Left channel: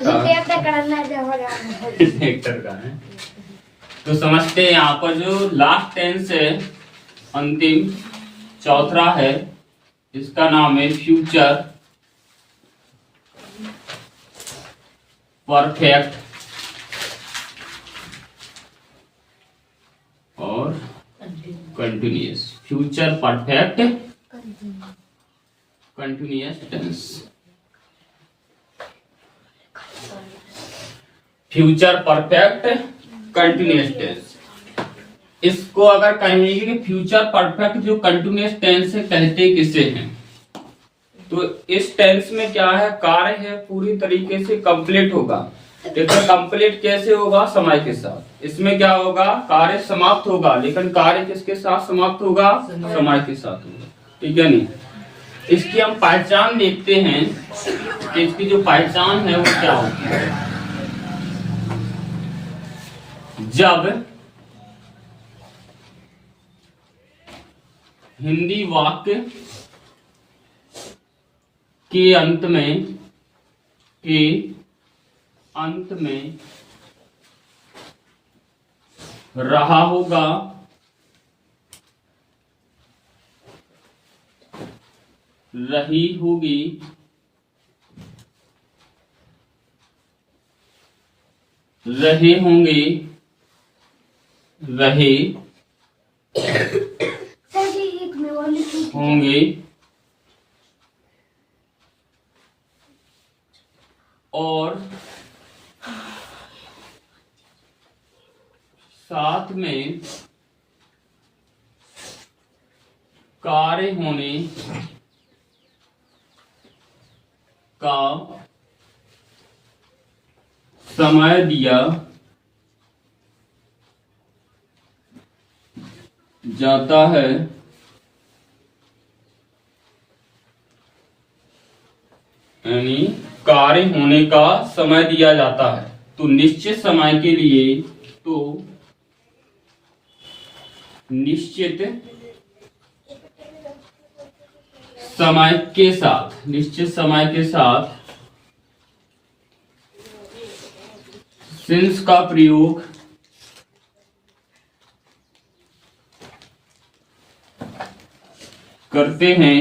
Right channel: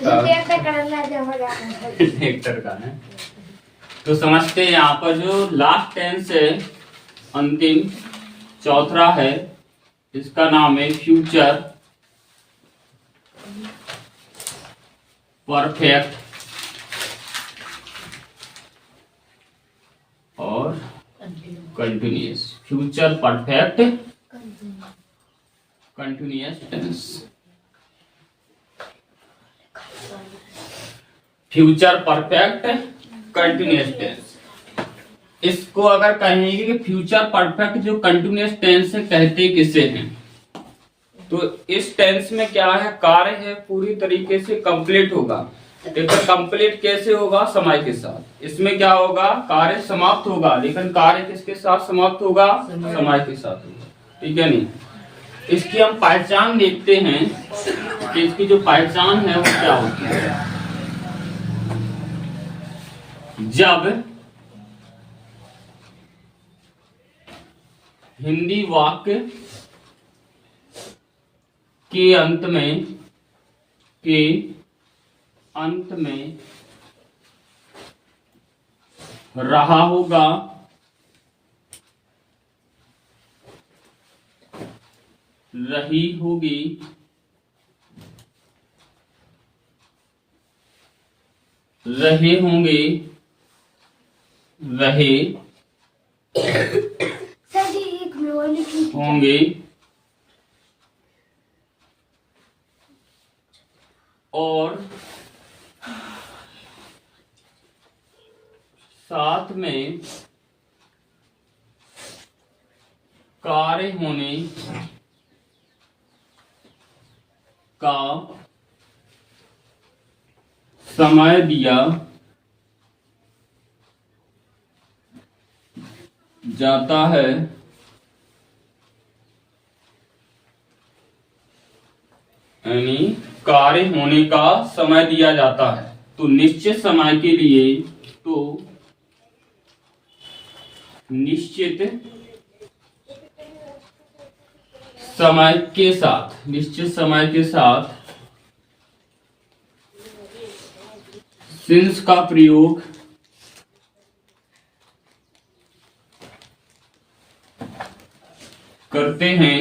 Tractor का है। तो समझते हैं यहाँ पर जो लास्ट टेंस है, अंतिम चौथा है, इसका नाम है फ्यूचर परफेक्ट और continuous. Future perfect continuous tense. Future perfect continuous tense. इसको अगर कहेंगे कि फ्यूचर परफेक्ट जो कंटिन्यूअस टेंस है कहते किसे हैं, तो इस टेंस में क्या है, कार्य है पूरी तरीके से कंप्लीट होगा। देखो कंप्लीट कैसे होगा, समय के साथ। इसमें क्या होगा, कार्य समाप्त होगा, लेकिन कार्य किसके साथ समाप्त होगा, समय के साथ होगा। ठीक है नहीं। इसकी हम पहचान देखते हैं कि इसकी जो पहचान है वो क्या होती है। जब हिंदी वाक्य के अंत में रहा होगा, रही होगी, रहे होंगे, रहे होंगे और साथ में कार्य होने का समय दिया जाता है, यानी कार्य होने का समय दिया जाता है। तो निश्चित समय के लिए, तो निश्चित समय के साथ, निश्चित समय के साथ सिंस का प्रयोग करते हैं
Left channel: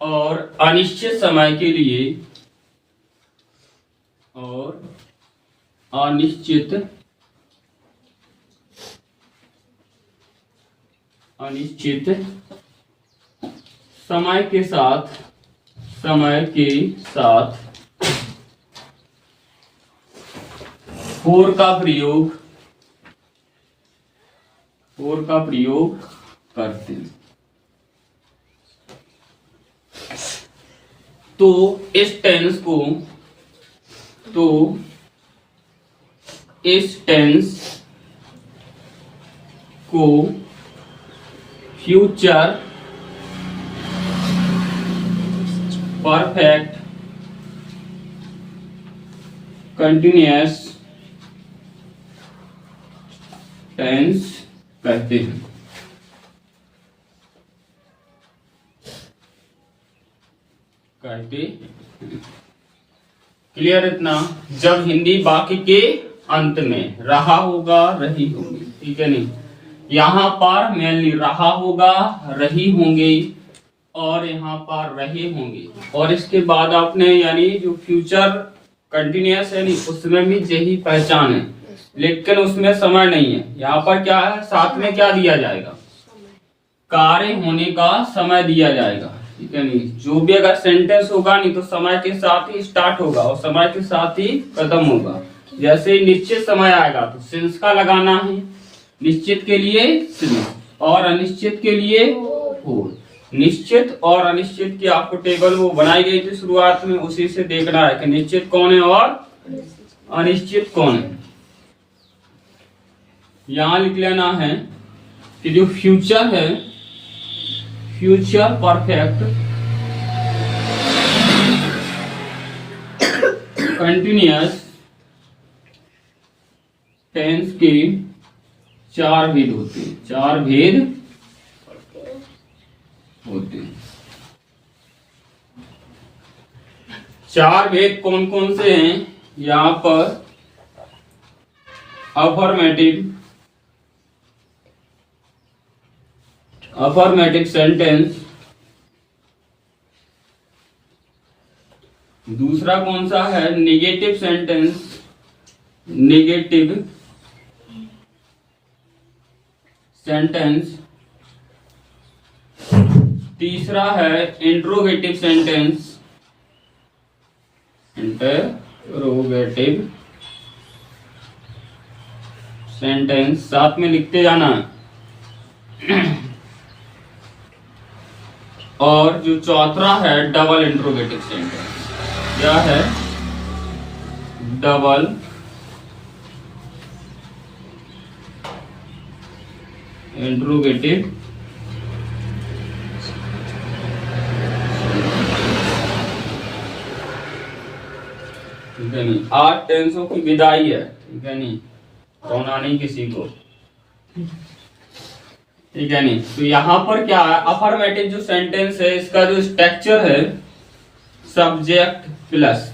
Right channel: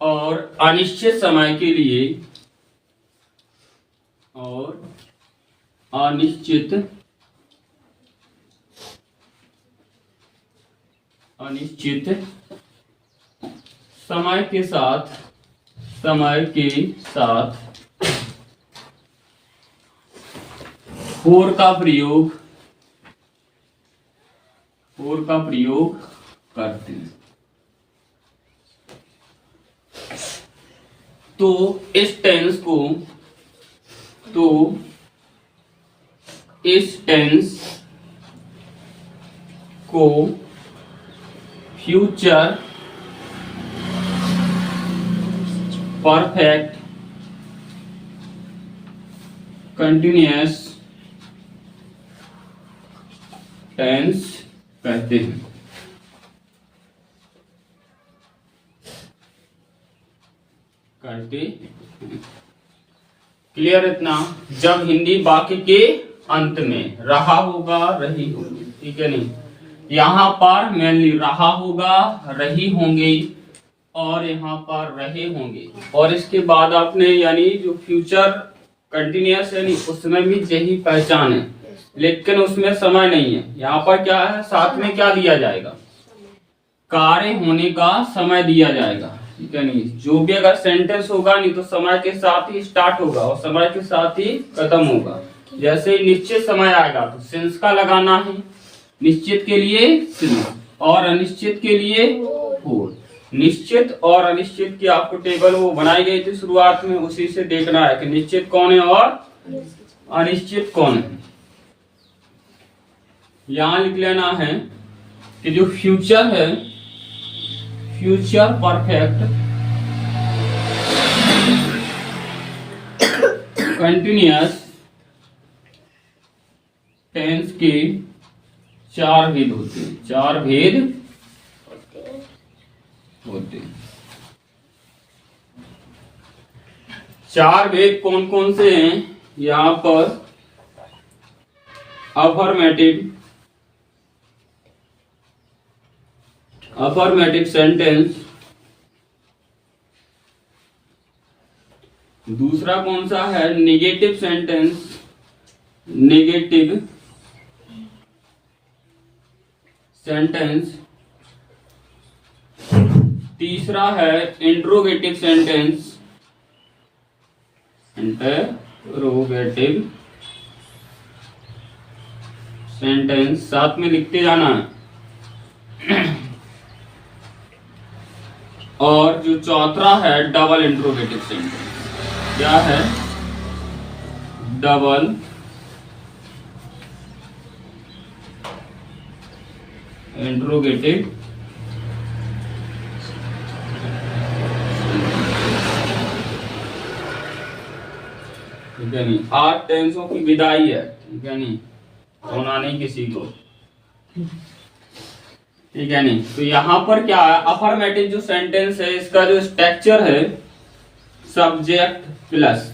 और अनिश्चित समय के लिए, और अनिश्चित समय के साथ, फोर का प्रयोग करते हैं। तो इस टेंस को फ्यूचर परफेक्ट कंटिन्यूअस टेंस कहते हैं। क्लियर इतना। जब हिंदी वाक्य के अंत में रहा होगा, रही होगी, ठीक है नहीं। यहाँ पर मेनली रहा होगा, रही होंगे और यहाँ पर रहे होंगे। और इसके बाद आपने यानी जो फ्यूचर कंटिन्यूअस है नहीं, उसमें भी यही पहचान है, लेकिन उसमें समय नहीं है। यहाँ पर क्या है, साथ में क्या दिया जाएगा, कार्य होने का समय दिया जाएगा, ठीक है नहीं। जो भी अगर सेंटेंस होगा नहीं तो समय के साथ ही स्टार्ट होगा और समय के साथ ही खत्म होगा। जैसे निश्चित समय आएगा तो सिंस का लगाना है, निश्चित के लिए सिंस और अनिश्चित के लिए फोर। निश्चित और अनिश्चित की आपको टेबल वो बनाई गई थी शुरुआत में, उसी से देखना है कि निश्चित कौन है और अनिश्चित कौन है। यहां लिख लेना है कि जो फ्यूचर है, फ्यूचर परफेक्ट कंटिन्यूअस टेंस के चार भेद होते हैं, चार भेद होते हैं। चार भेद कौन कौन से हैं यहाँ पर? अफर्मेटिव सेंटेंस, दूसरा कौन सा है? नेगेटिव सेंटेंस, नेगेटिव सेंटेंस, तीसरा है इंट्रोगेटिव सेंटेंस, इंटरोगेटिव सेंटेंस, साथ में लिखते जाना है। और जो चौथा है डबल इंट्रोगेटिव सेंटेंस। क्या है? डबल इंट्रोगेटिव ठीक है नहीं। 8 टेंसों की विदाई है, ठीक है नहीं, रोना नहीं किसी को, ठीक है नहीं। तो यहाँ पर क्या है? अफर्मेटिव जो सेंटेंस है इसका जो स्ट्रक्चर है subject plus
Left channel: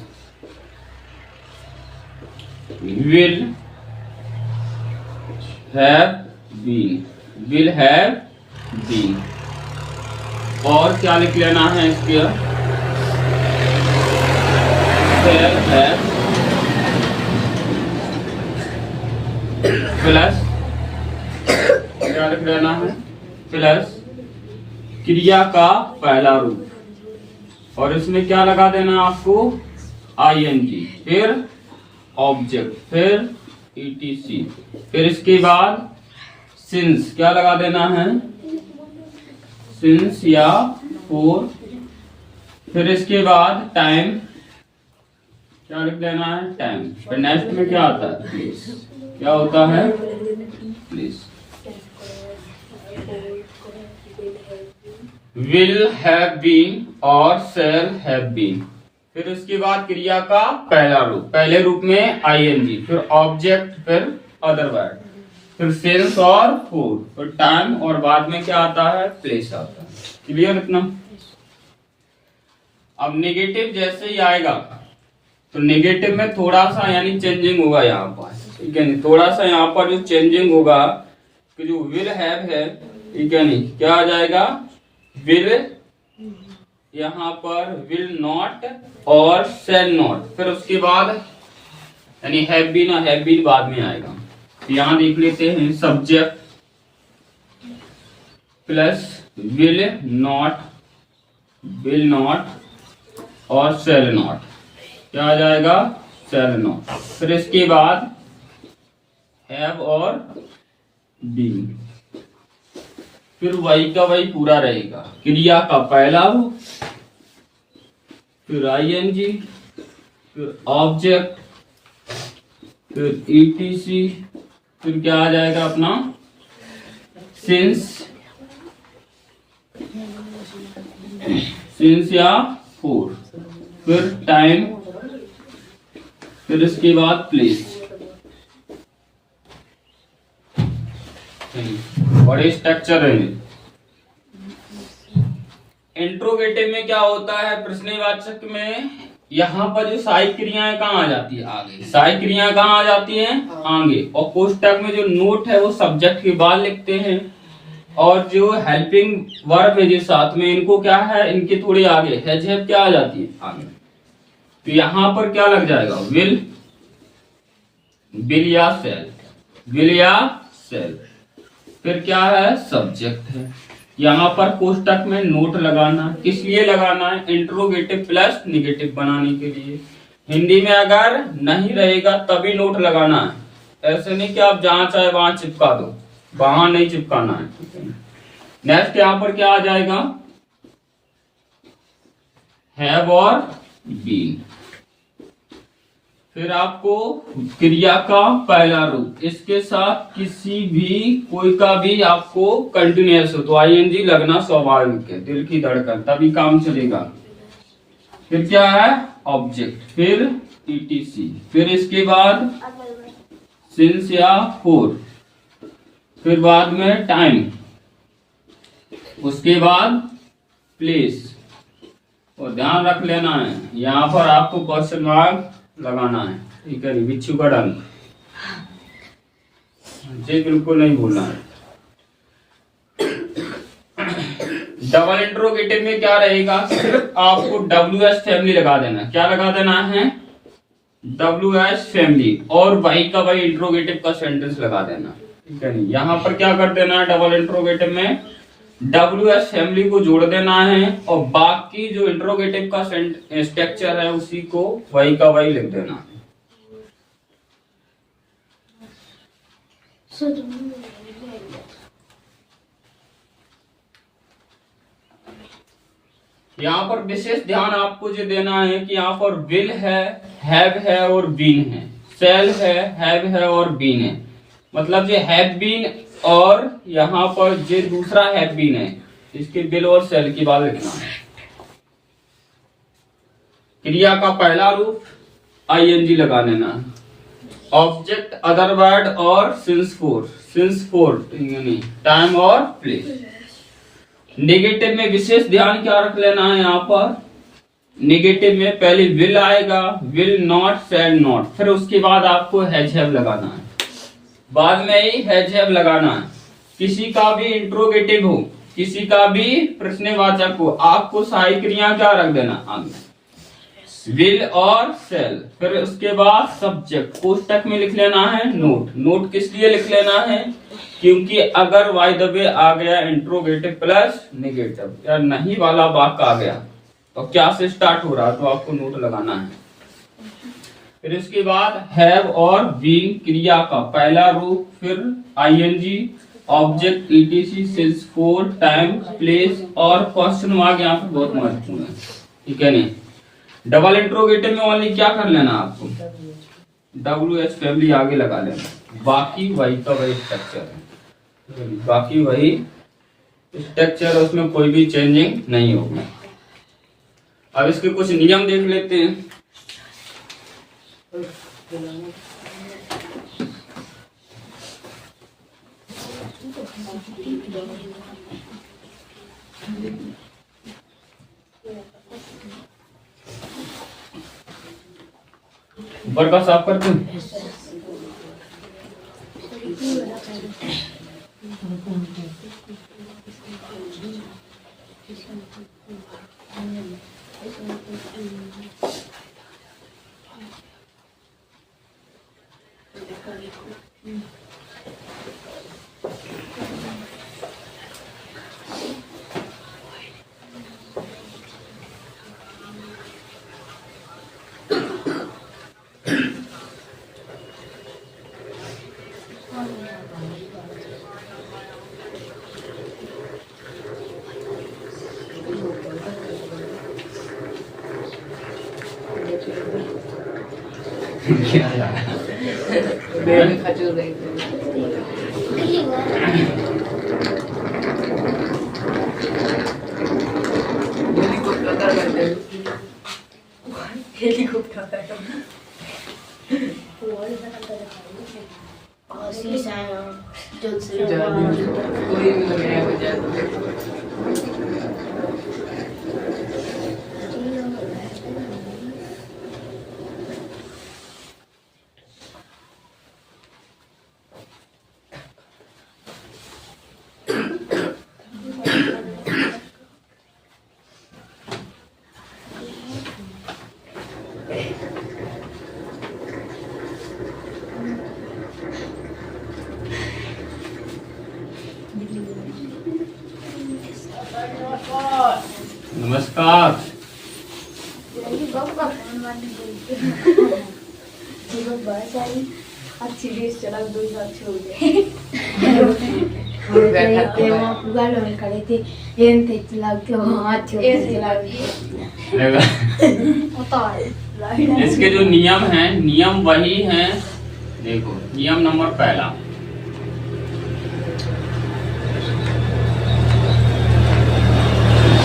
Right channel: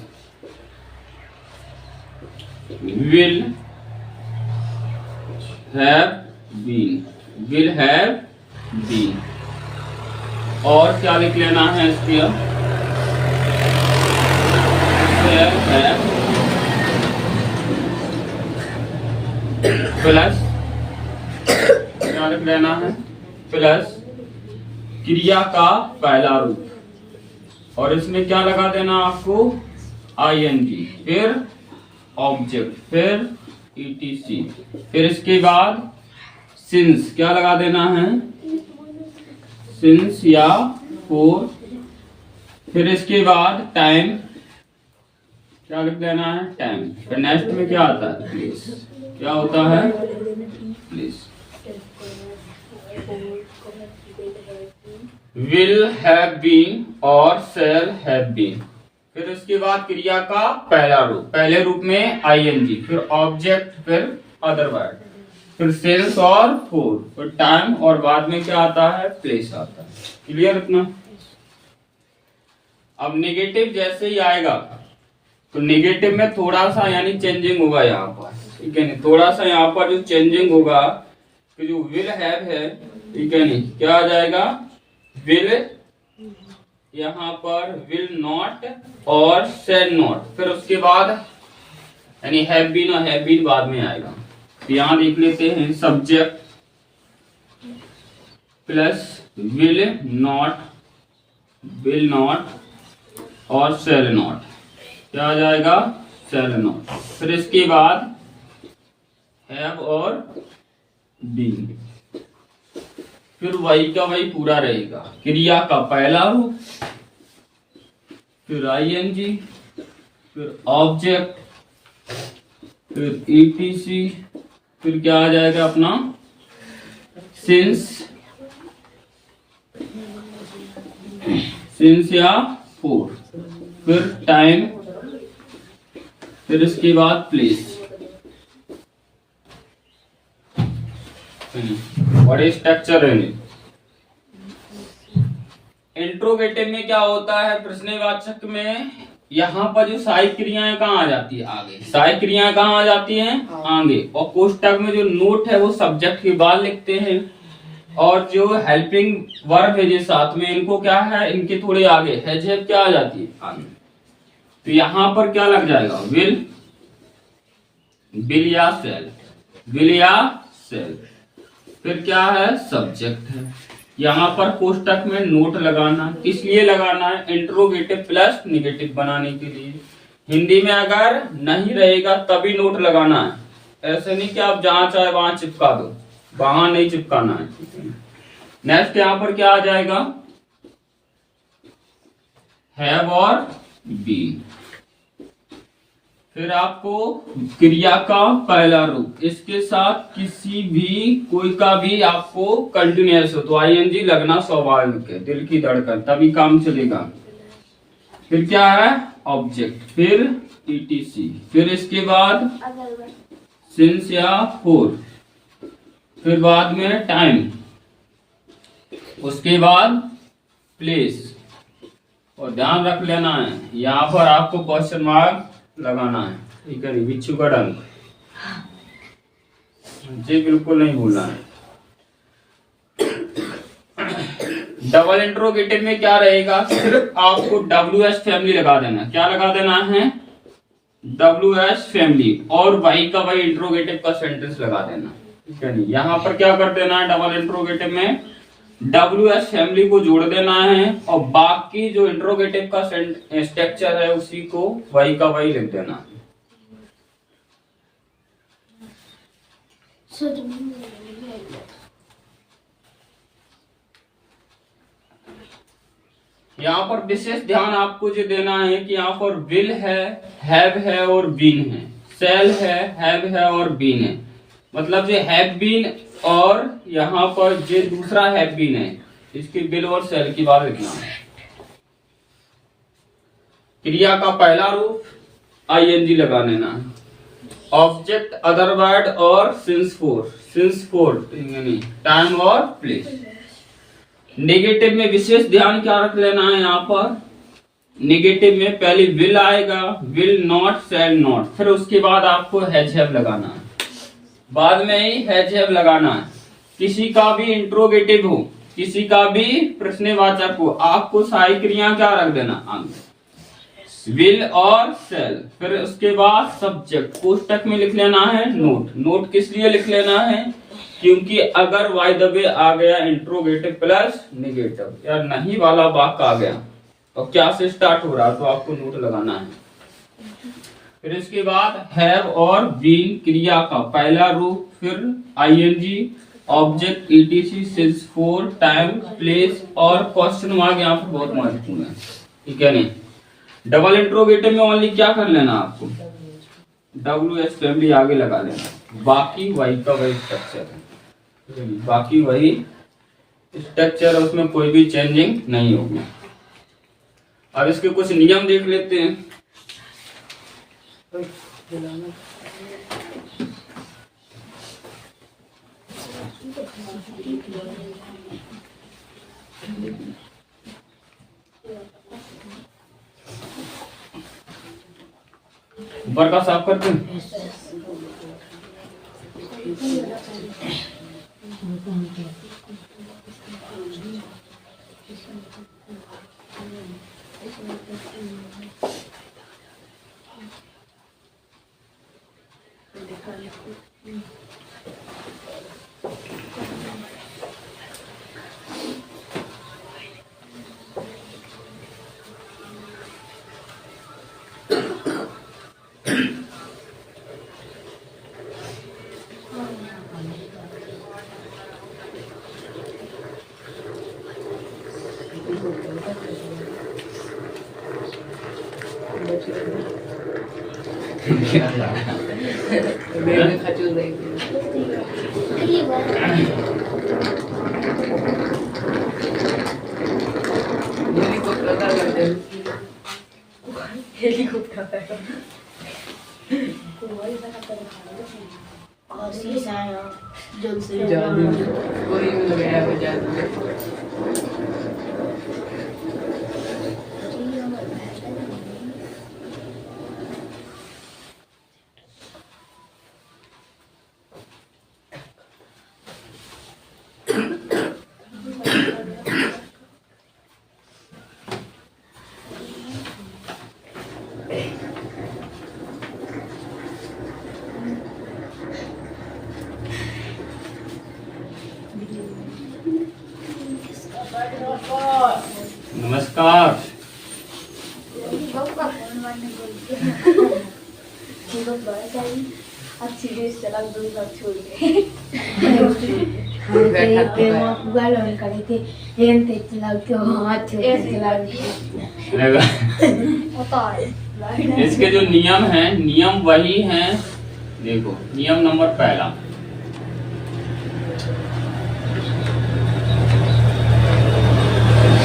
will have been, will have been, और क्या लिख लेना है इसके? प्लस क्या लिख लेना है? प्लस क्रिया का पहला रूप, और इसमें क्या लगा देना आपको? आईएनजी, फिर ऑब्जेक्ट, फिर ईटीसी, फिर इसके बाद सिंस क्या लगा देना है? सिंस या फॉर, फिर इसके बाद टाइम क्या लिख देना है? टाइम। फिर नेक्स्ट में क्या आता है? प्लीज। क्या होता है? प्लीज। विल हैव बीन और शैल हैव बीन, फिर उसके बाद क्रिया का पहला रूप, पहले रूप में आईएनजी, फिर ऑब्जेक्ट, फिर अदर वर्ड, फिर सिंस और फॉर, फिर टाइम, और बाद में क्या आता है? प्लेस आता है। क्लियर इतना? अब नेगेटिव जैसे ही आएगा तो नेगेटिव में थोड़ा सा यानी चेंजिंग होगा यहाँ पर, ठीक है नहीं, थोड़ा सा यहाँ पर जो चेंजिंग होगा कि जो विल हैव है, ठीक है नहीं, क्या आ जाएगा? विल, यहाँ पर विल नॉट और शैल नॉट, फिर उसके बाद यानी हैव बीन और हैव बीन बाद में आएगा। तो यहाँ देख लेते हैं सब्जेक्ट प्लस विल नॉट और शैल नॉट, क्या आ जाएगा? शैल नॉट, फिर इसके बाद हैव और बीन, फिर वही का वही पूरा रहेगा, क्रिया का पहला रूप, फिर आईएनजी, फिर ऑब्जेक्ट, फिर ईटीसी, फिर क्या आ जाएगा अपना? सिंस या फॉर, फिर टाइम, फिर इसके बाद प्लेस। बड़े स्ट्रक्चर है। इंट्रोगेटिव में क्या होता है? प्रश्नवाचक में यहाँ पर जो सहायक क्रियाएं कहाँ आ जाती है? आगे। सहायक क्रियाएं कहाँ आ जाती हैं? आगे। और कोष्टक में जो नोट है वो सब्जेक्ट के बाद लिखते हैं, और जो हेल्पिंग वर्ब है जो साथ में, इनको क्या है? इनके थोड़े आगे हैव क्या आ जाती है? आगे। तो यहाँ पर क्या लग जाएगा? विल या शैल, विल या शैल, फिर क्या है? सब्जेक्ट है। यहाँ पर कोष्टक में नोट लगाना, किस लिए लगाना है? इंट्रोगेटिव प्लस नेगेटिव बनाने के लिए। हिंदी में अगर नहीं रहेगा तभी नोट लगाना है, ऐसे नहीं कि आप जहां चाहे वहां चिपका दो, वहां नहीं चिपकाना है, ठीक है। नेक्स्ट यहाँ पर क्या आ जाएगा? हैव और बीन, फिर आपको क्रिया का पहला रूप, इसके साथ किसी भी कोई का भी आपको कंटिन्यूअस हो तो आईएनजी लगना स्वाभाविक है, दिल की धड़कन, तभी काम चलेगा। फिर क्या है? ऑब्जेक्ट, फिर ईटीसी, फिर इसके बाद सिंस या फॉर, फिर बाद में टाइम, उसके बाद प्लेस, और ध्यान रख लेना है, यहाँ पर आपको क्वेश्चन मार्क लगाना है। ठीक है, बिच्छू का डंक जी बिल्कुल नहीं भूलना है। डबल इंट्रोगेटिव में क्या रहेगा, सिर्फ आपको WS फैमिली लगा देना। क्या लगा देना है, WS फैमिली, और वही का वही इंट्रोगेटिव का सेंटेंस लगा देना। ठीक है, यहाँ पर क्या कर देना है, डबल इंट्रोगेटिव में WS फैमिली को जोड़ देना है और बाकी जो इंट्रोगेटिव का स्ट्रक्चर है उसी को वही का वही लिख देना। यहाँ पर विशेष ध्यान आपको जो देना है कि यहाँ पर विल है, हैव है और बीन है, सेल है, हैव है और बीन है। मतलब जो हैव बीन और यहाँ पर जो दूसरा हैव बीन है, इसके विल और सेल की बात लिखना है। क्रिया का पहला रूप ING लगा देना है। ऑब्जेक्ट अदर वर्ड और सिंस फोर टाइम और प्लेस। नेगेटिव में विशेष ध्यान क्या रख लेना है, यहाँ पर नेगेटिव में पहले विल आएगा, विल नॉट, शैल नॉट, फिर उसके बाद आपको हैज हैव लगाना है, बाद में ही हैज हैव लगाना है। किसी का भी इंट्रोगेटिव हो, किसी का भी प्रश्नवाचक हो, आपको सहायक क्रिया क्या रख देना, विल और सेल, फिर उसके बाद सब्जेक्ट कोष्टक में लिख लेना है नोट। नोट किस लिए लिख लेना है, क्योंकि अगर बाय द वे आ गया इंट्रोगेटिव प्लस नेगेटिव या नहीं वाला वाक्य आ गया तो क्या से स्टार्ट हो रहा है, तो आपको नोट लगाना है। फिर इसके बाद हैव और बीन क्रिया का पहला रूप, फिर ING, object ETC, since four, time, place और क्वेश्चन मार्क यहाँ पर बहुत महत्वपूर्ण है। ठीक है नहीं, डबल इंट्रोगेटिव में ओनली क्या कर लेना आपको, WS फैमिली आगे लगा लेना, बाकी वही का वही स्ट्रक्चर है, बाकी वही स्ट्रक्चर, उसमें कोई भी चेंजिंग नहीं होगी। अब इसके कुछ नियम देख लेते हैं। ऊपर का साफ करते हैं। क्या खजूर कोई भी लगाया नमस्कार। इसके जो नियम हैं, नियम वही हैं। देखो नियम नंबर पहला,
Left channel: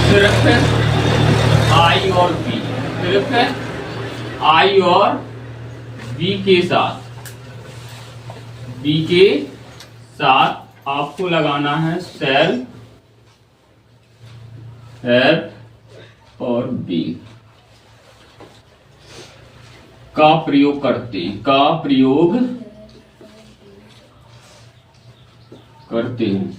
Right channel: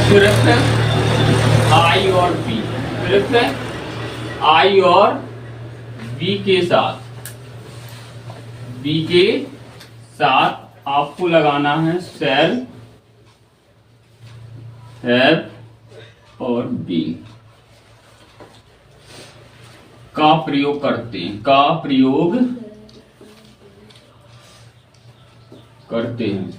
सिर्फ I और B, सिर्फ I और B के साथ आपको लगाना है सेल, हैव और बीइंग का प्रयोग करते हैं, का प्रयोग करते हैं।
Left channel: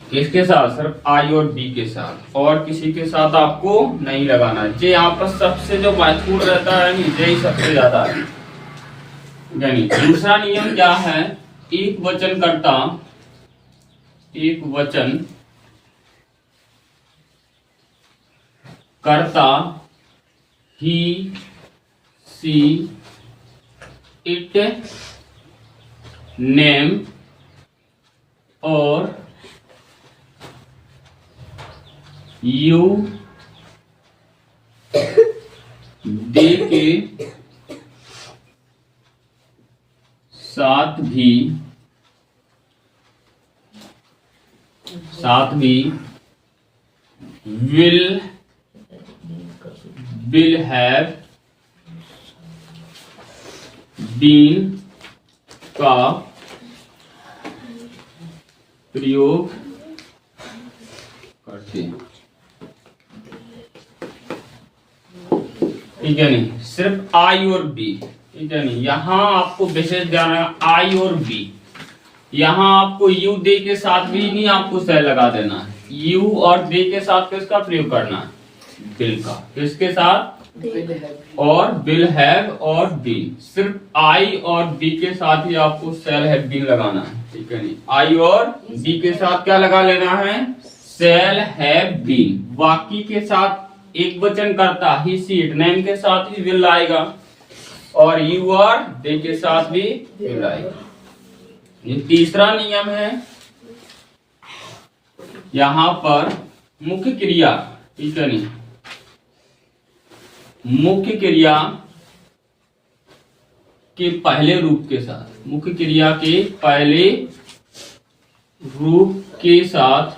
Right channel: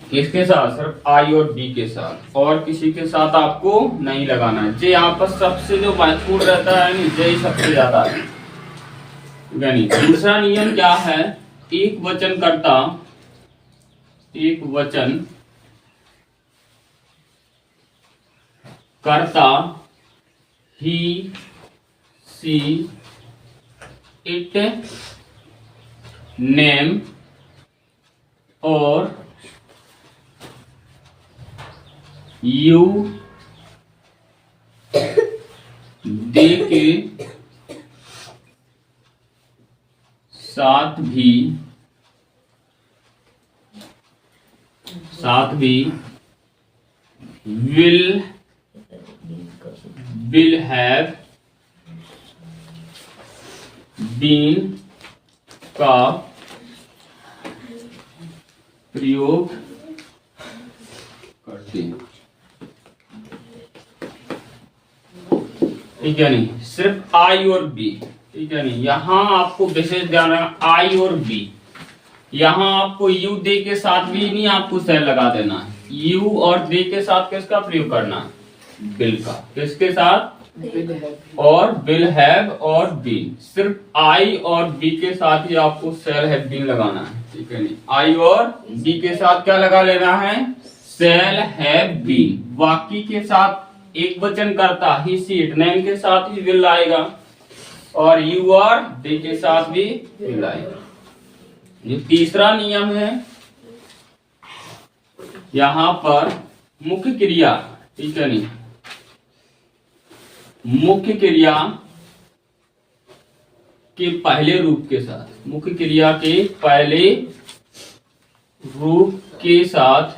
किसके साथ? सिर्फ आई और बी के साथ, और किसी के साथ आपको नहीं लगाना है। जे यहाँ पर सबसे जो महत्वपूर्ण रहता है नहीं, जे सबसे ज्यादा है। यानी दूसरा नियम क्या है? एक वचन करता, एक वचन करता ही, सी, इट, नेम और यू, दे के साथ भी will have been का प्रयोग करते हैं। ठीक है नहीं, सिर्फ आई और बी। ठीक है नहीं, यहां आपको विशेष ध्यान रखना, आई और बी। यहां आपको यू दे के साथ भी नहीं आपको सेल लगा देना है। यू और दे के साथ किसका प्रयोग करना है? बिल का। किसके साथ? और विल हैव और बीन। सिर्फ आई और बी के साथ ही आपको सेल हैव बीन लगाना है। ठीक है नहीं, आई और बी के साथ क्या लगा लेना है? Shall have been. बाकी के साथ एक वचन करता ही, सी, इट, नेम के साथ ही विल आएगा, और यू और दे के साथ भी विल आएगा। ये तीसरा नियम है। यहां पर मुख्य क्रिया, ठीक है नहीं, मुख्य क्रिया के पहले रूप के साथ, मुख्य क्रिया के पहले रूप के साथ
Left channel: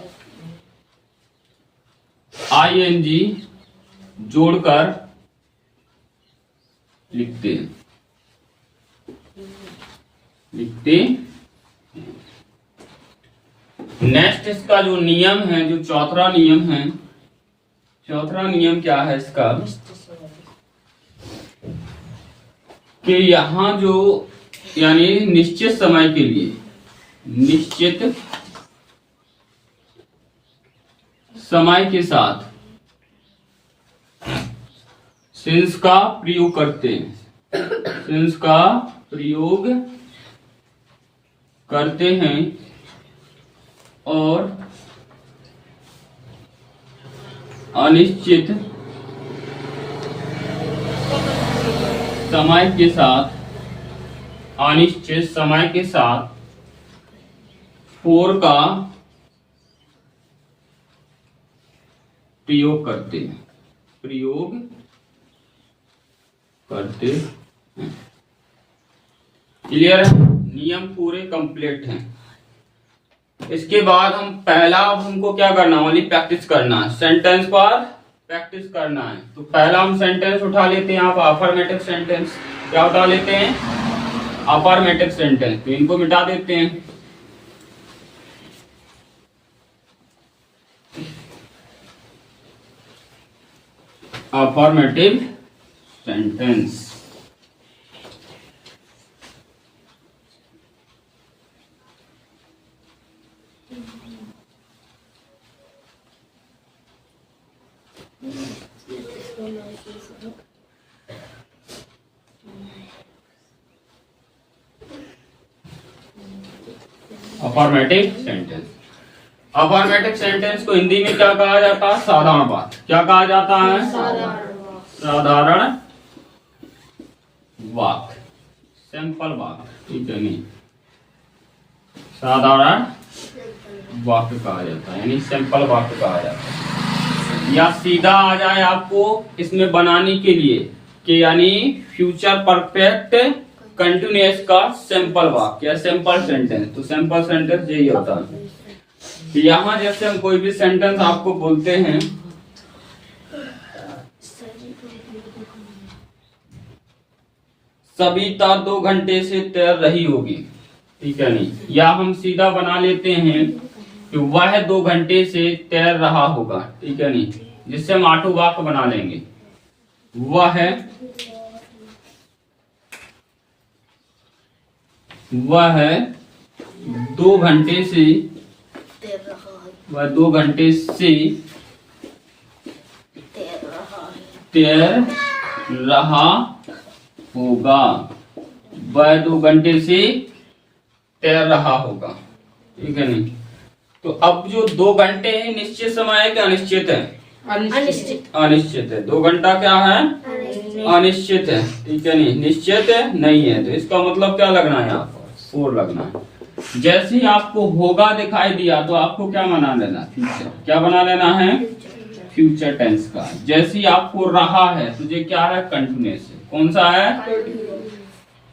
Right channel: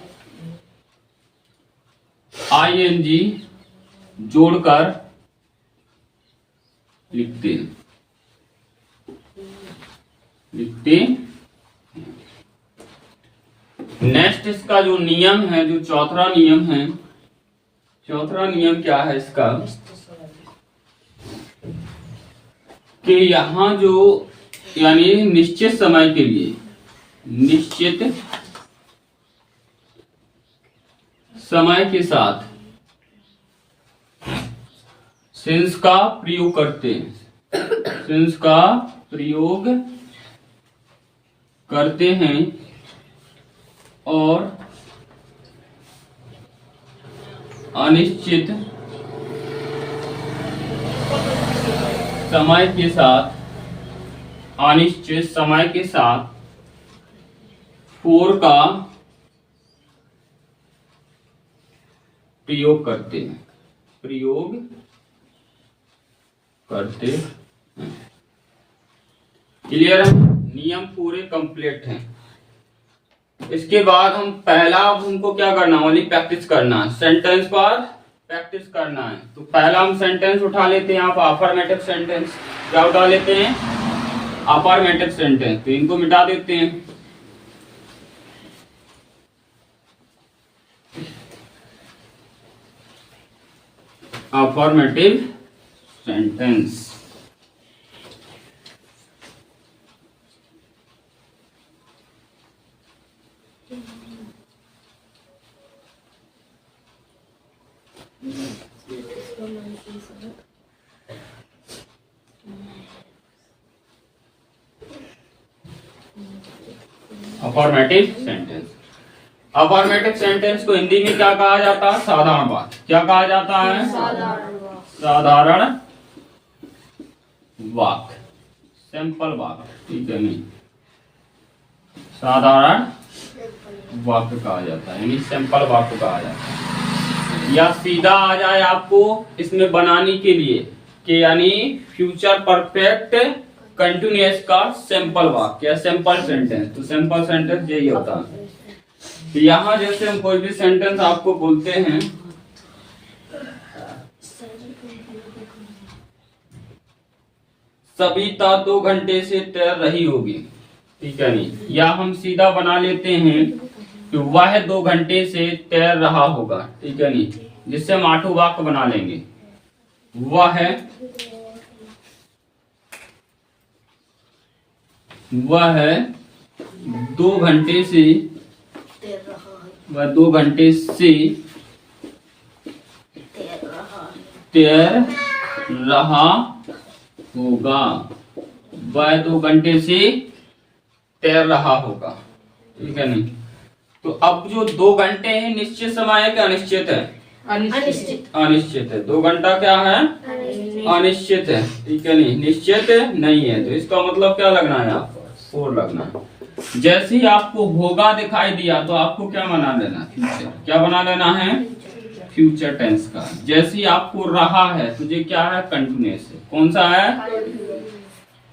आईएनजी जोड़कर लिखते नेक्स्ट इसका जो नियम है, जो चौथा नियम है, चौथा नियम क्या है इसका? कि यहां जो यानी निश्चित समय के लिए, निश्चित समय के साथ सिंस का प्रयोग करते हैं, सिंस का प्रयोग करते हैं, और अनिश्चित समय के साथ, अनिश्चित समय के साथ फोर का प्रयोग करते हैं, प्रयोग करते हैं। क्लियर है? नियम पूरे कंप्लीट हैं। इसके बाद हम पहला, अब हमको क्या करना, ओनली प्रैक्टिस करना है, सेंटेंस पर प्रैक्टिस करना है। तो पहला हम सेंटेंस उठा लेते हैं, आप अफर्मेटिव सेंटेंस। क्या उठा लेते हैं? Affirmative sentence. तो इनको मिटा देते हैं। Affirmative sentence. Affirmative sentence. Affirmative sentence को हिंदी में क्या कहा जाता है? साधारण बात। क्या कहा जाता है? साधारण वाक्य, सिंपल वाक्य। ठीक है नहीं, साधारण वाक्य कहा जाता है, यानी सिंपल वाक्य कहा जाता है। या सीधा आ जाए आपको इसमें बनाने के लिए कि यानी फ्यूचर परफेक्ट कंटिन्यूअस का सिंपल वाक्य, सिंपल सेंटेंस। तो सिंपल सेंटेंस यही होता है। यहां जैसे हम कोई भी सेंटेंस आपको बोलते हैं, सविता 2 घंटे से तैर रही होगी। ठीक है नहीं, या हम सीधा बना लेते हैं कि वह 2 घंटे से तैर रहा होगा, ठीक है नहीं, जिससे हम आठों वाक्य बना लेंगे। वह 2 घंटे से तैर रहा होगा। वह 2 घंटे से तैर रहा होगा, ठीक है नहीं। तो अब जो 2 घंटे है निश्चित समय है क्या अनिश्चित है? अनिश्चित है। 2 घंटा क्या है? अनिश्चित है, ठीक है नहीं, निश्चित नहीं है। तो इसका मतलब क्या लगना है? यहाँ पर 4 लगना है। जैसे ही आपको होगा दिखाई दिया तो आपको क्या बना लेना? फ्यूचर। क्या बना लेना है? फ्यूचर टेंस का। जैसे ही आपको रहा है तो ये क्या है? कंटिन्यूअस है। कौन सा है?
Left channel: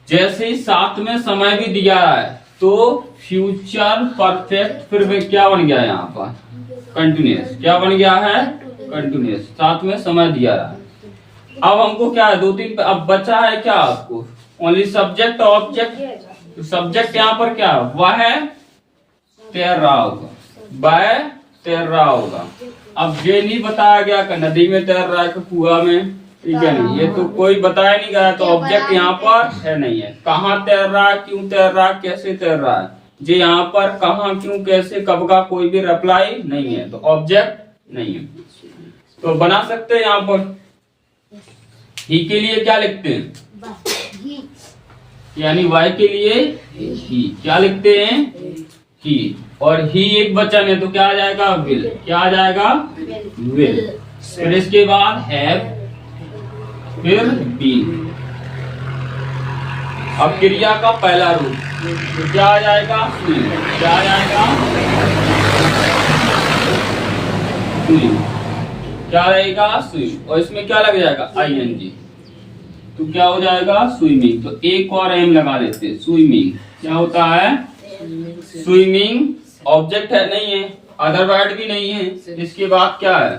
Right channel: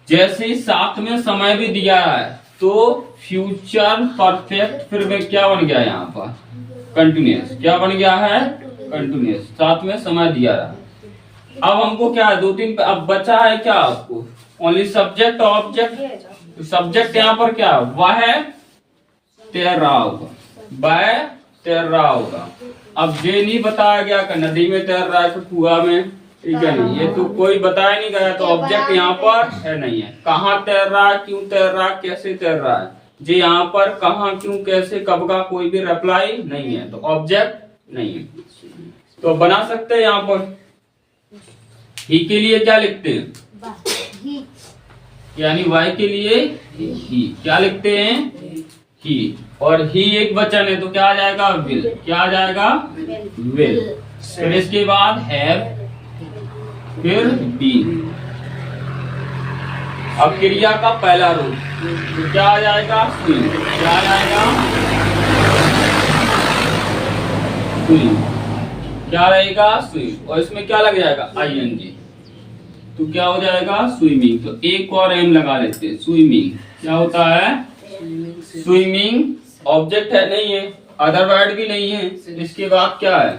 जैसे ही साथ में समय भी दिया है तो फ्यूचर परफेक्ट फिर वे क्या बन गया है यहाँ पर? कंटिन्यूअस। क्या बन गया है? कंटिन्यूअस। साथ में समय दिया रहा। अब हमको क्या है? 2-3 अब बचा है क्या आपको? ओनली सब्जेक्ट और ऑब्जेक्ट। तो सब्जेक्ट यहाँ पर क्या? वह तैर रहा होगा। वह तैर रहा होगा। अब ये नहीं बताया गया कि नदी में तैर रहा है कि कुआं में, ठीक है नहीं, ये तो कोई बताया नहीं गया। तो ऑब्जेक्ट यहाँ पर है नहीं है। कहाँ तैर रहा है, क्यों तैर रहा है, कैसे तैर रहा है, जी यहाँ पर कहाँ, क्यों, कैसे, कब का कोई भी रिप्लाई नहीं है, तो ऑब्जेक्ट नहीं है। तो बना सकते हैं यहाँ पर ही के लिए क्या लिखते हैं? यानी वाई के लिए ही क्या लिखते हैं? ही। और ही एक वचन है तो क्या आ जाएगा? विल। क्या आ जाएगा? विल। फिर इसके बाद हैव, फिर बी। अब क्रिया का पहला रूप तो क्या आ जाएगा? स्विम। क्या आ जाएगा? स्विम। क्या रहेगा? स्विम। और इसमें क्या लग जाएगा? आईएनजी। तो क्या हो जाएगा? स्विमिंग। तो एक और एम लगा लेते हैं। स्विमिंग क्या होता है? स्विमिंग ऑब्जेक्ट है नहीं है, अदर वर्ड भी नहीं है। इसके बाद क्या है?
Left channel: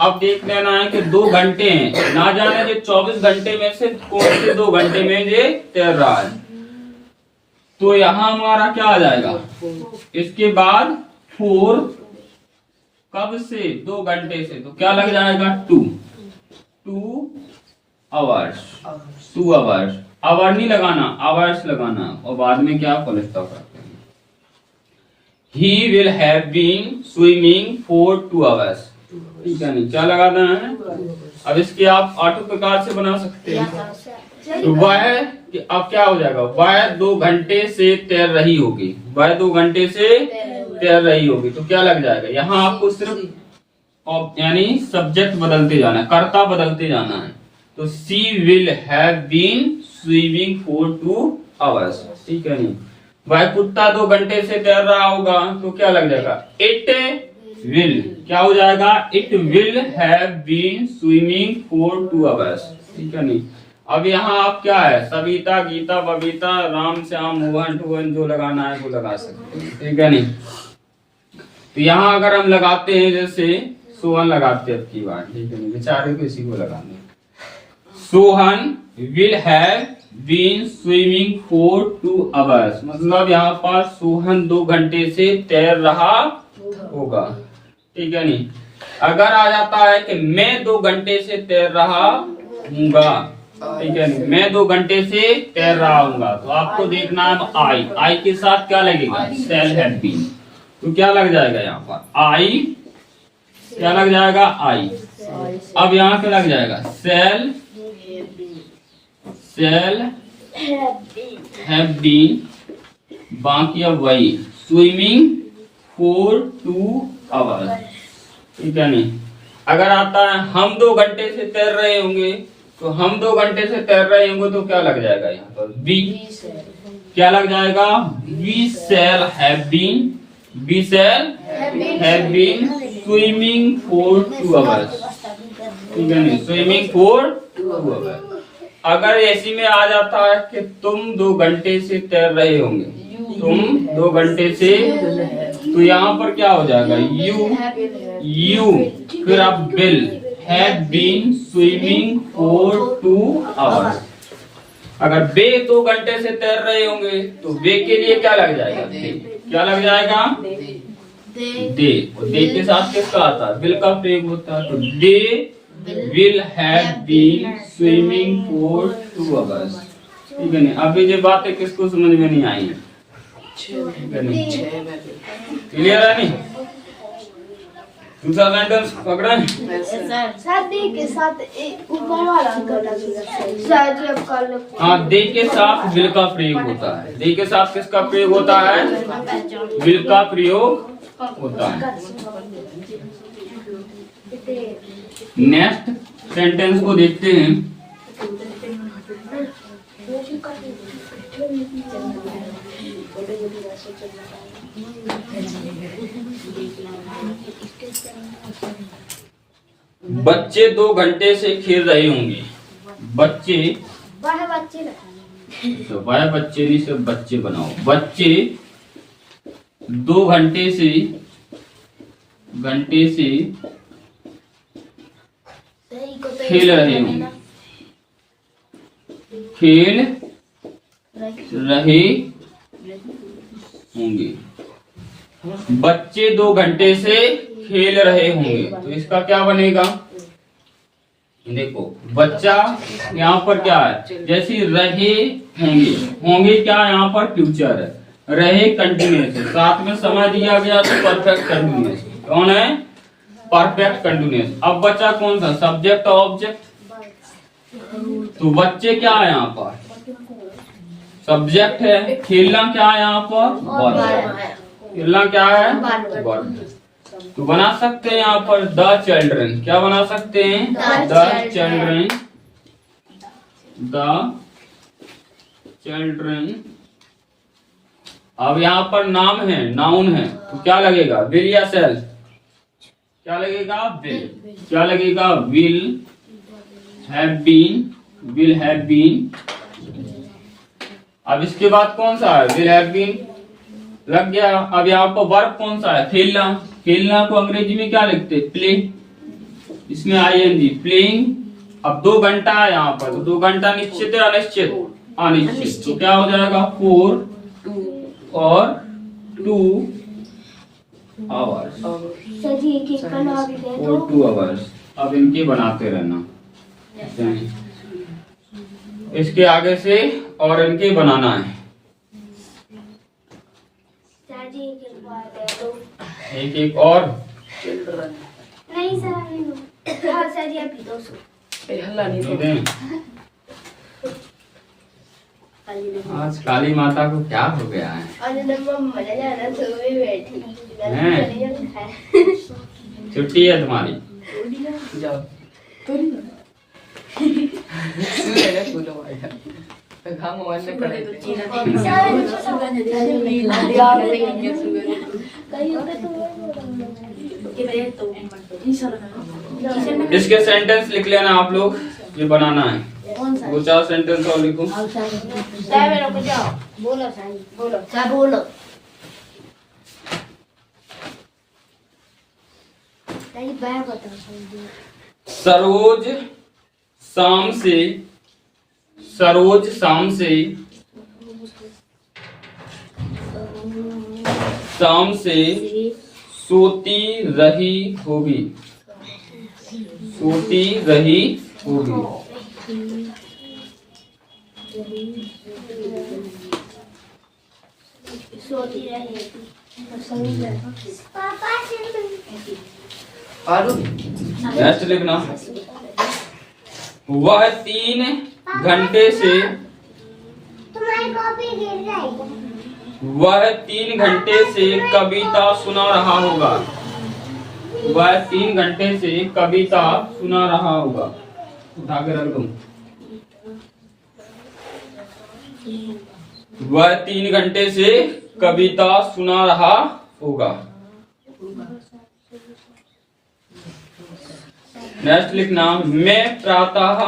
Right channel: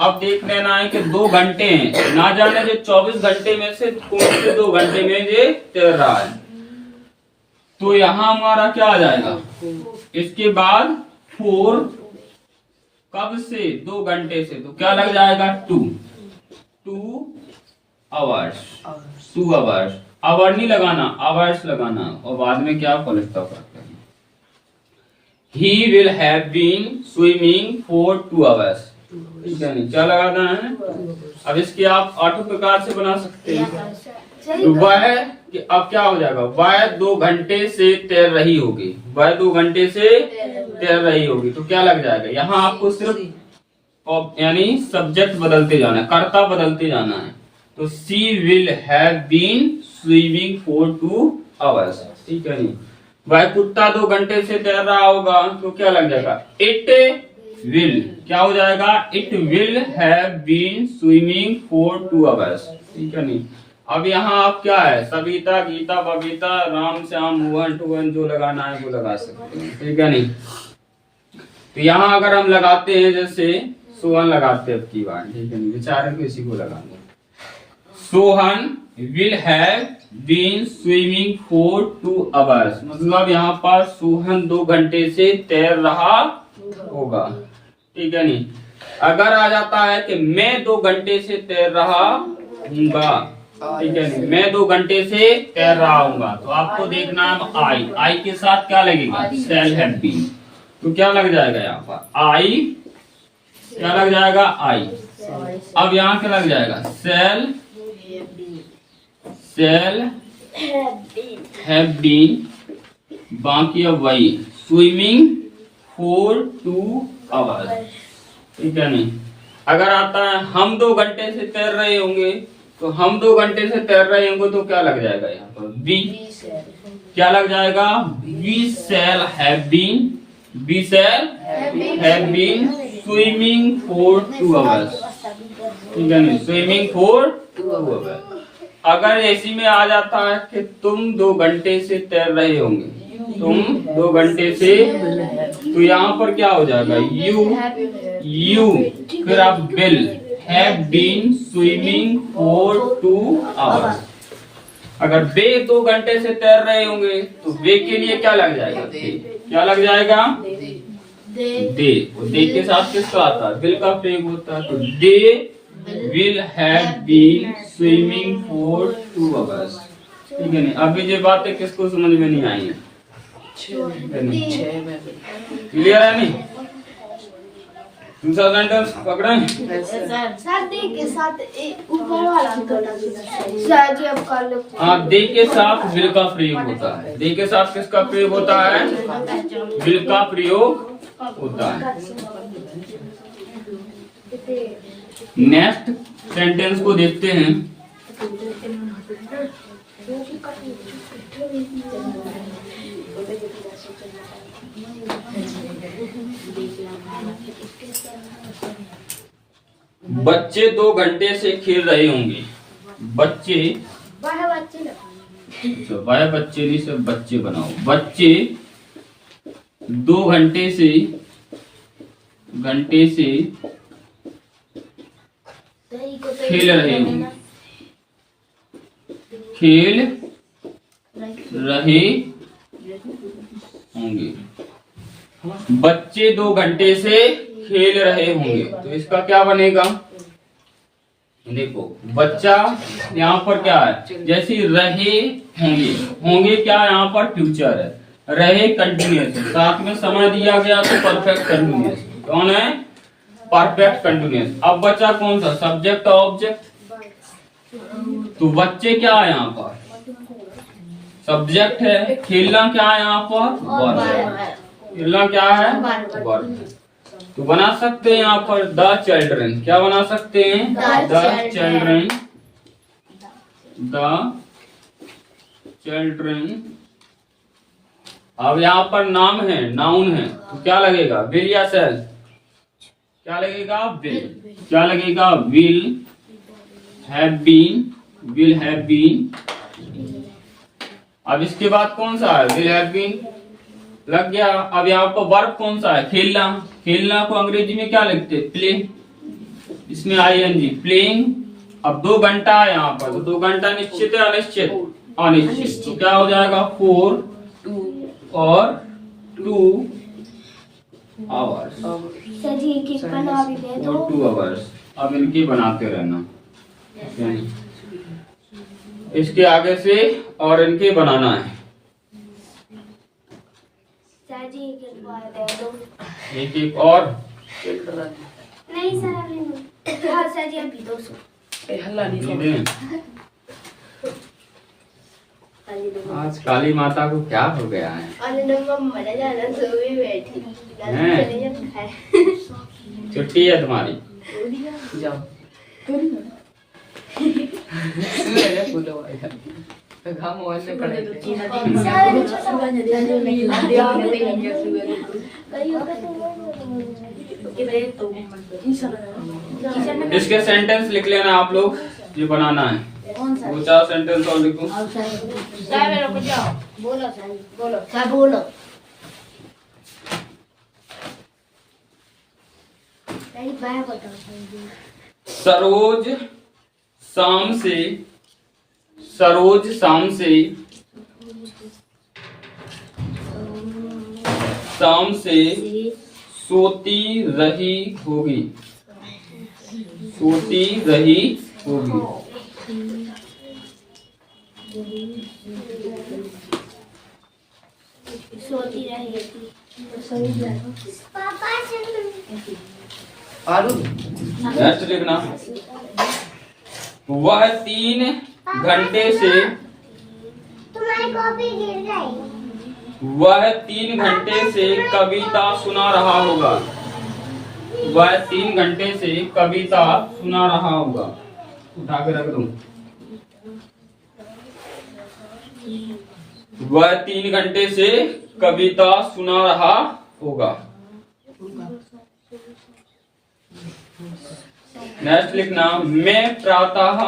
अब देख लेना है कि 2 घंटे हैं, ना जाने ये 24 घंटे में से कौन से 2 घंटे में ये तैर रहा है। तो यहाँ हमारा क्या आ जाएगा? इसके बाद 4 कब से? 2 घंटे से, तो क्या लग जाएगा? 2 आवर्स। 2 आवर्स। आवर नहीं लगाना, आवर्स लगाना, और बाद में क्या? फुल स्टॉप रखेंगे। He will have been swimming for 2 hours। ठीक है नहीं, क्या लगाना है? अब इसके आप 8 प्रकार से बना सकते हैं। तो वह अब क्या हो जाएगा? वह 2 घंटे से तैर रही होगी। वह 2 घंटे से तैर रही होगी। तो क्या लग जाएगा? यहाँ आपको सिर्फ यानी सब्जेक्ट बदलते जाना है, कर्ता बदलते जाना है। तो she will have been swimming for 2 hours। ठीक है नहीं, वह कुत्ता 2 घंटे से तैर रहा होगा। तो क्या लग जाएगा? It will. क्या हो जाएगा? It will have been swimming for 2 hours. ठीक है नहीं। अब यहाँ आप क्या है? सविता, गीता, बबीता, राम, श्याम, मोहन, टूवन, जो लगाना है वो लगा सकते हैं। ठीक है नहीं। तो यहाँ अगर हम लगाते हैं जैसे सोहन लगाते हैं अब की बार, ठीक है नहीं, बेचारे को इसी को लगाना। Sohan will have been swimming for 2 hours. मतलब यहाँ पर सोहन 2 घंटे से तैर रहा होगा। ठीक है नहीं। अगर आ जाता है कि मैं 2 घंटे से तैर रहा हूँगा, ठीक है नहीं, मैं 2 घंटे से तैर रहा हूँगा, तो आपको देखना है आई के साथ क्या लगेगा? Shall have been. तो क्या लग जाएगा यहाँ पर? आई। क्या लग जाएगा? आई। अब यहाँ क्या लग जाएगा? Shall have been. बाकी अब वही स्विमिंग फॉर 2 आवर्स। ठीक है नहीं। अगर आता है हम 2 घंटे से तैर रहे होंगे, तो हम 2 घंटे से तैर रहे होंगे तो क्या लग जाएगा यहाँ पर? बी। क्या लग जाएगा? We shall have been. We shall have been swimming for 2 hours. ठीक है नहीं, स्विमिंग फॉर 2 आवर्स। अगर ऐसी में आ जाता है कि तुम 2 घंटे से तैर रहे होंगे, तुम 2 घंटे से, तो यहाँ पर क्या हो जाएगा? यू फिर आप will have been swimming for 2 hours. अगर वे 2 घंटे से तैर रहे होंगे तो वे के लिए क्या लग जाएगा? क्या लग जाएगा? दे। और दे के साथ किसका आता है? विल का प्रयोग होता है। तो they will have been swimming for 2 hours। ठीक है नहीं? अभी जो बातें किसको समझ में नहीं आई है? क्लियर है नहीं? दूसरा सेंटेंस पकड़ा है? हाँ, दे के साथ विल का प्रयोग होता है। दे के साथ किसका प्रयोग होता है? विल का प्रयोग होता है। नेक्स्ट सेंटेंस को देखते हैं। बच्चे 2 घंटे से खेल रहे होंगे। बच्चे तो वह बच्चे नहीं, सब बच्चे बनाओ। बच्चे 2 घंटे से खेल रहे होंगे। खेल रहे होंगे। बच्चे 2 घंटे से खेल रहे होंगे। तो इसका क्या बनेगा? देखो, बच्चा यहाँ पर क्या है? जैसे रहे होंगे, होंगे क्या यहाँ पर फ्यूचर है, रहे कंटिन्यूअस है, साथ में समय दिया गया तो परफेक्ट कंटिन्यूअस। कौन है? Perfect continuous. अब बचा कौन सा? सब्जेक्ट और ऑब्जेक्ट। तो बच्चे क्या है यहाँ पर? सब्जेक्ट है। खेलना क्या है यहाँ पर? वर्ब है। खेलना क्या है? वर्ब। तो बना सकते हैं यहाँ पर द चिल्ड्रन। क्या बना सकते हैं? The children. The children. अब यहाँ पर नाम है, नाउन है, तो क्या लगेगा? विल या शैल? क्या लगेगा? विल। क्या लगेगा? Will have been. Will have been. अब इसके बाद कौन सा है? विल हैव बीन लग गया। अब यहाँ पर वर्ब कौन सा है? खेलना। खेलना को अंग्रेजी में क्या लिखते? प्ले। इसमें आईएनजी, प्लेइंग। अब 2 घंटा है यहाँ पर, तो 2 घंटा निश्चित है अनिश्चित? अनिश्चित। तो क्या हो जाएगा? 4 और 2 hours। और 2 hours। अब इनके बनाते रहना, इसके आगे से और इनके बनाना है। एक एक और नहीं सर, हाँ सर जी अभी 200 आज काली माता को क्या हो गया है? छुट्टी है तुम्हारी? जाओ इसके सेंटेंस लिख लेना आप लोग, ये बनाना है। 2-4 सेंटेंस और लिखो। सरोज शाम से सोती रही होगी। सोती रही होगी। नेक्स्ट लिखना। वह 3 घंटे से तुम्हारी कॉपी गिर जाएगी। वह 3 घंटे से कविता सुना रहा होगा। वह 3 घंटे से कविता सुना रहा होगा। उठा के रख दूं। वह 3 घंटे से कविता सुना रहा होगा। नेक्स्ट लिखना। मैं प्रातः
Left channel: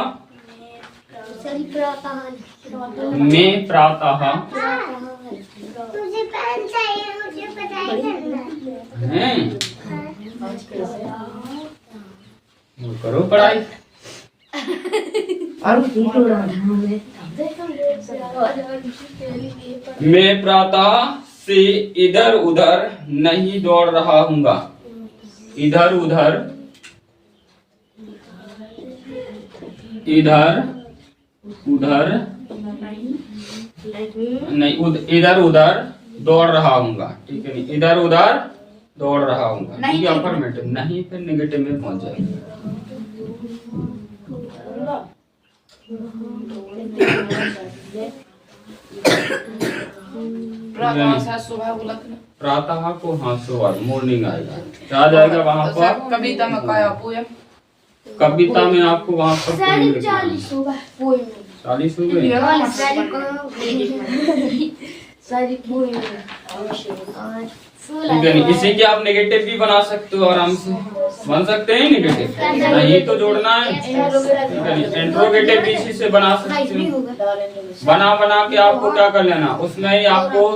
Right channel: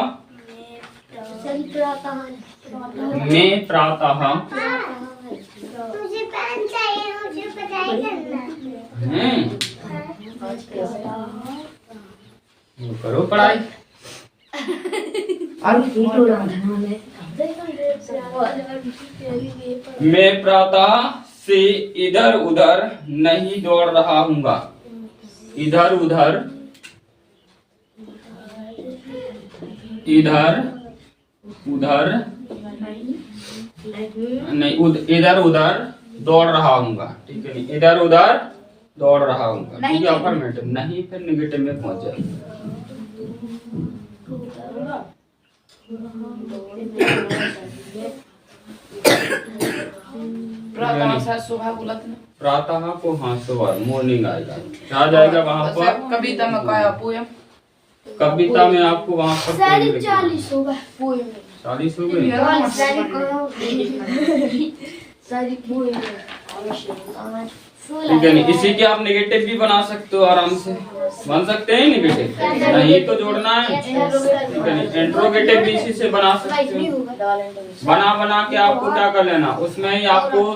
मुझे पेन चाहिए, मुझे पढ़ाई करना है। वो करो पढ़ाई। मैं प्रातः से इधर उधर नहीं दौड़ रहा हूँगा। इधर उधर इधर उधर दौड़ रहा हूँगा। ठीक है नहीं, इधर उधर दौड़ रहा हूँगा। ठीक है, अफर्मेटिव नहीं फिर नेगेटिव में पहुंच जाएगा। प्रातः को हाँ सुबह मॉर्निंग आएगा, क्या जाएगा वहाँ पर कविता में काया पोयम। कविता में आपको वहाँ पर साढ़े 40 होगा। 40 हो गए। ठीक है नहीं, इसी के आप नेगेटिव भी बना सकते हो, आराम से बन सकते हैं नेगेटिव, नहीं तो जोड़ना है। ठीक है नहीं, इंट्रोगेटिव भी इसी से बना सकते हो। बना के आपको क्या कर लेना, उसमें ही आपको